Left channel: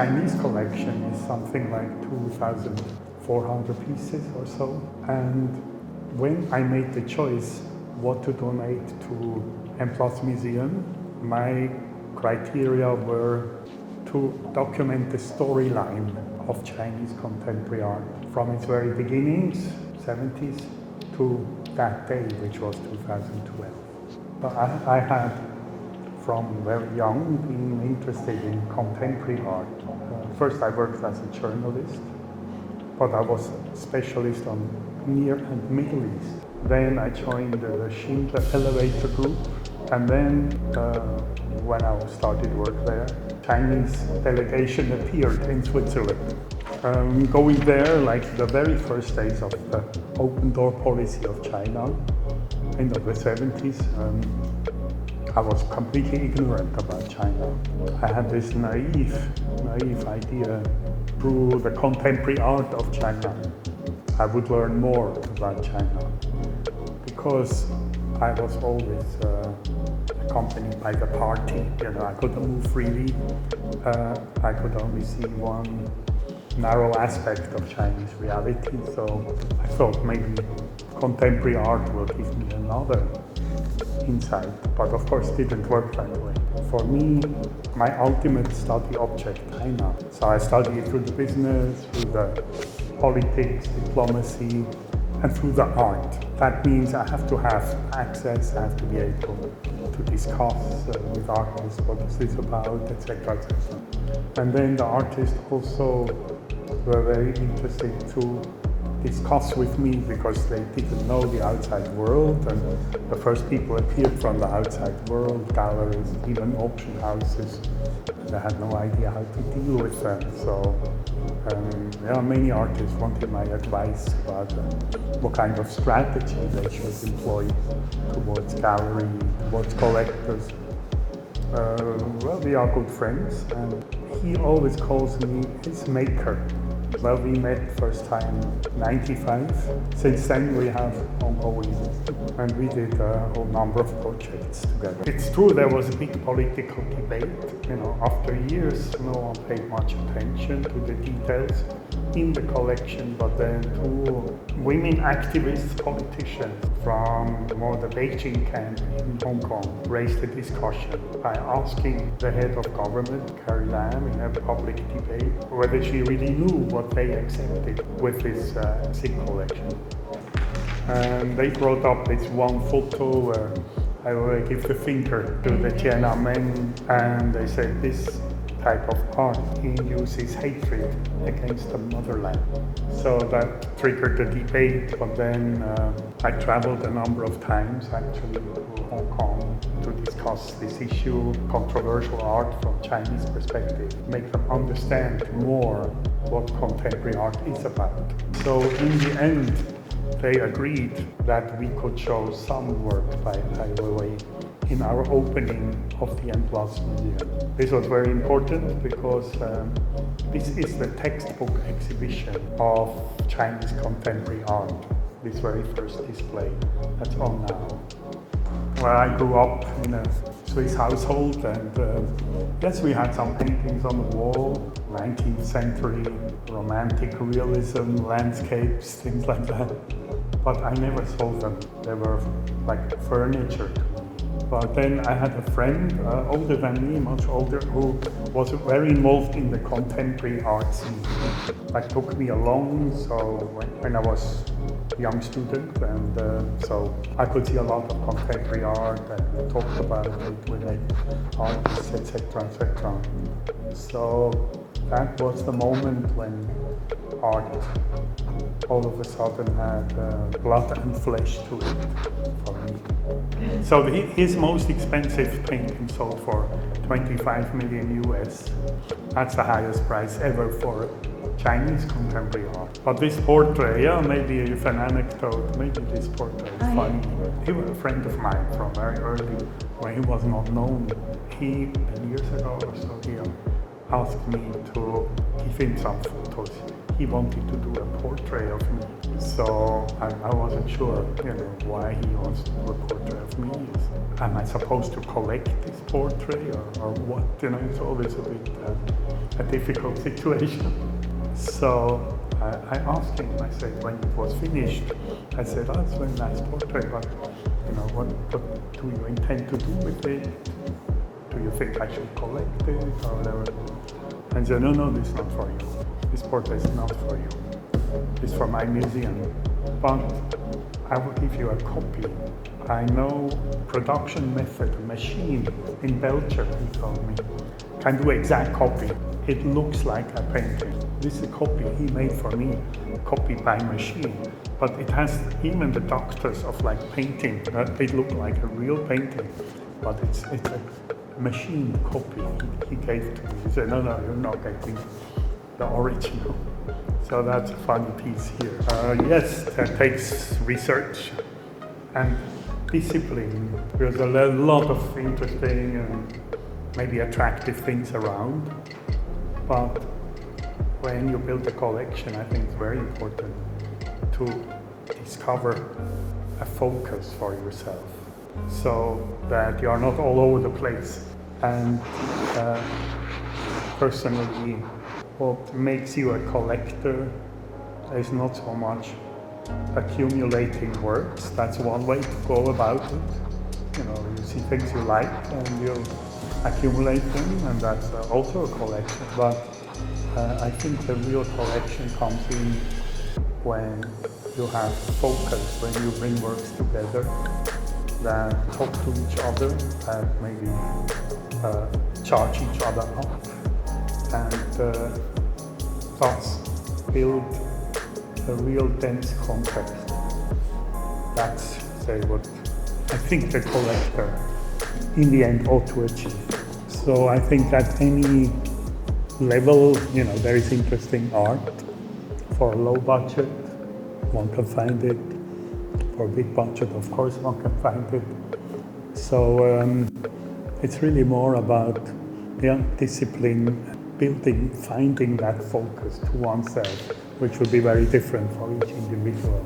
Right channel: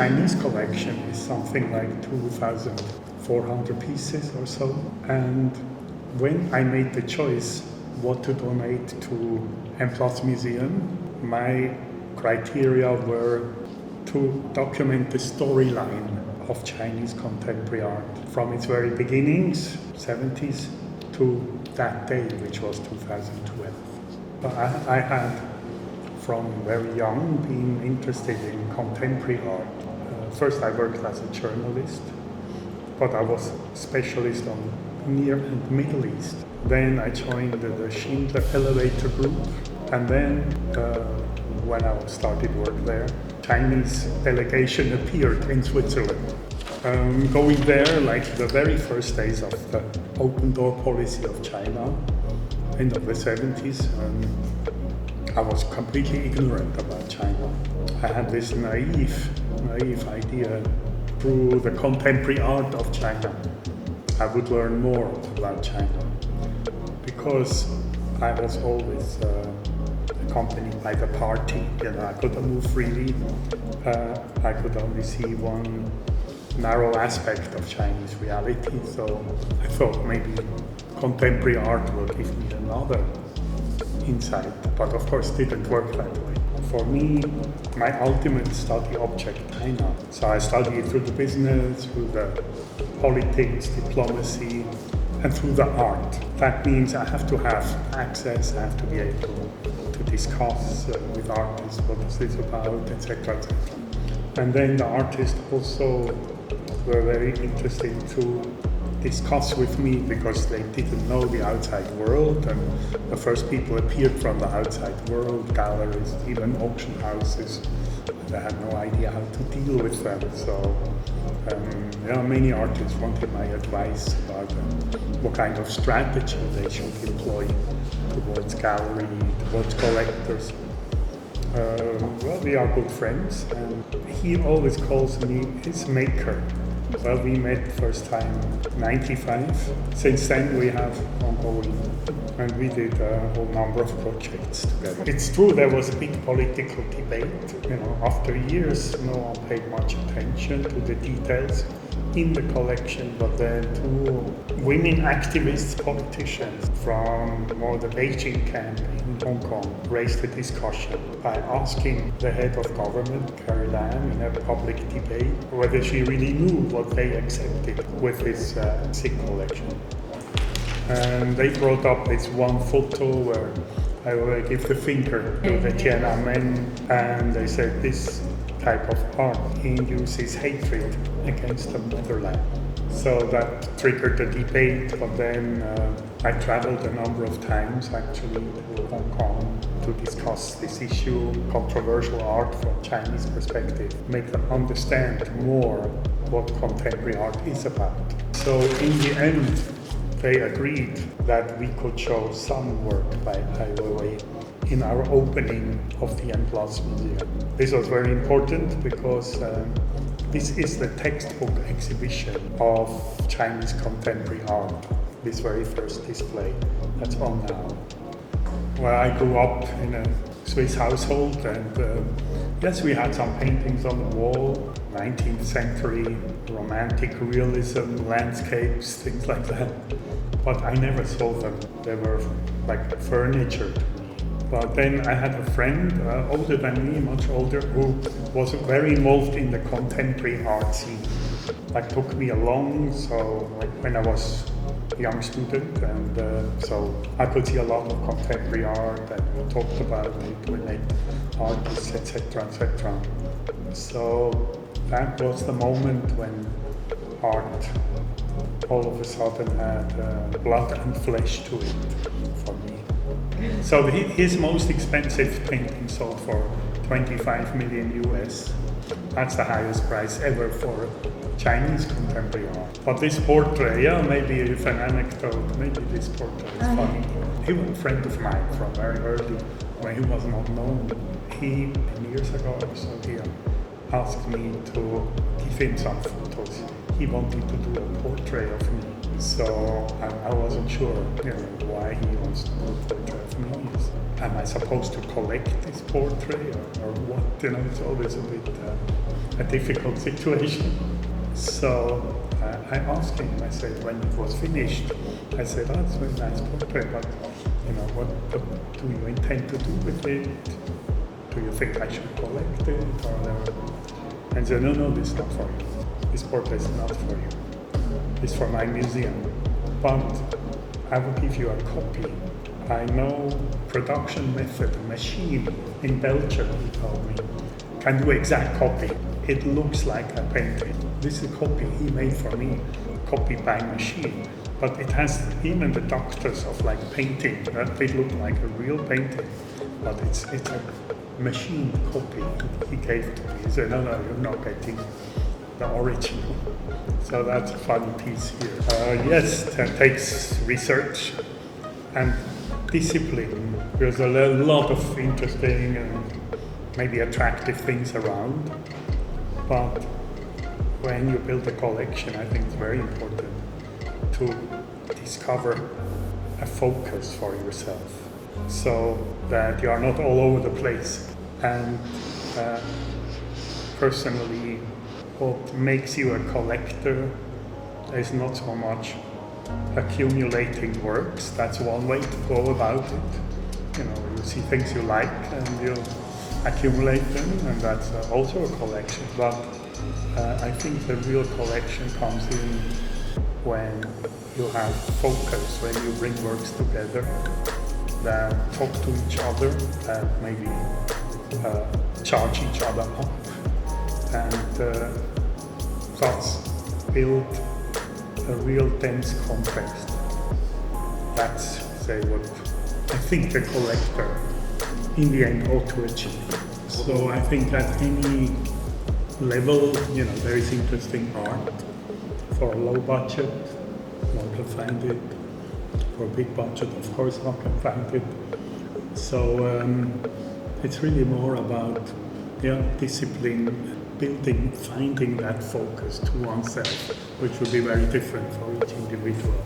Chinese collection is something like 2,400 pieces or so. And when I made the choice what to donate to M+ Museum, my criteria were to document the storyline of Chinese contemporary art from its very beginnings, 70s, to that day, which was 2012. I had, from very young, been interested in contemporary art. First I worked as a journalist, but I was a specialist on Near and Middle East. Then I joined the Schindler Elevator Group, and then when I started work there, Chinese delegation appeared in Switzerland. Going there, like the very first days of the open door policy of China, end of the 70s, I was completely ignorant about China. I had this naive idea through the contemporary art of China. I would learn more about China because I was always accompanied by the party. I couldn't move freely. I could only see one narrow aspect of Chinese reality, so I thought maybe contemporary art will give me another insight, but of course it didn't work that way. For me, my ultimate study object, China. So I studied through the business, through the politics, diplomacy, and through the art. That means I have to have access, I have to be able to discuss with artists what is this about, etc., etc. And then the artists also were very interested to discuss with me because they didn't know the outside world, and the first people appeared from the outside world, galleries, even auction houses. They had no idea how to deal with them. So many artists wanted my advice about what kind of strategy they should employ towards gallery, towards collectors. Well, we are good friends, and he always calls me his maker. Well, we met first time 95. Since then we have ongoing, and we did a whole number of projects together. It's true there was a big political debate. After years, no one paid much attention to the details in the collection, but then two women activists, politicians from more the Beijing camp in Hong Kong raised the discussion by asking the head of government, Carrie Lam, in a public debate whether she really knew what they accepted with this SIG collection. And they brought up this one photo where I already give the finger to the Tiananmen, and they said this type of art induces hatred against the motherland. So that triggered the debate, but then I traveled a number of times actually to Hong Kong to discuss this issue, controversial art from Chinese perspective, make them understand more what contemporary art is about. So in the end, they agreed that we could show some work by Ai Weiwei in our opening of the M+ Museum. This was very important because this is the textbook exhibition of Chinese contemporary art, this very first display that's on now. Well, I grew up in a Swiss household, and yes, we had some paintings on the wall, 19th century, romantic realism, landscapes, things like that. But I never saw them. They were like furniture to me. But then I had a friend, older than me, much older, who was very involved in the contemporary art scene. Like took me along, so when I was a young student, and so I could see a lot of contemporary art and talked about it with artists, etc., etc. So that was the moment when art all of a sudden had blood and flesh to it for me. So his most expensive painting sold for 25 million US. That's the highest price ever for Chinese contemporary art. But this portrait, maybe with an anecdote, maybe this portrait is funny. He was a friend of mine from very early, when he was not known. He, 10 years ago or so, he asked me to give him some photos. He wanted to do a portrait of me. So I wasn't sure why he wants to do a portrait of me. Am I supposed to collect this portrait or what? It's always a bit a difficult situation. So I asked him, I said, when it was finished, I said, oh, it's a very nice portrait, but what do you intend to do with it? Do you think I should collect it or whatever? And he said, no, it's not for you. This portrait is not for you. It's for my museum. But I will give you a copy. I know production method, machine in Belgium, he told me, can do exact copy. It looks like a painting. This is a copy he made for me, copied by machine. But it has even the doctors of like painting, they look like a real painting, but it's a machine copy he gave to me. He said, no, you're not getting the original. So that's a funny piece here. Yes, that takes research and discipline. There's a lot of interesting and maybe attractive things around, but when you build a collection, I think it's very important to discover a focus for yourself so that you are not all over the place. And personally, what makes you a collector is not so much accumulating works. That's one way to go about it. You see things you like and you accumulate them, and that's also a collection. But I think the real collection comes in when you have focus, when you bring works together that talk to each other, that maybe charge each other up, and thus build a real dense context. That's, say, what I think the collector in the end ought to achieve. So I think at any level, there is interesting art. For a low budget, one can find it. For a big budget, of course, one can find it. So it's really more about discipline, building, finding that focus to oneself, which will be very different for each individual.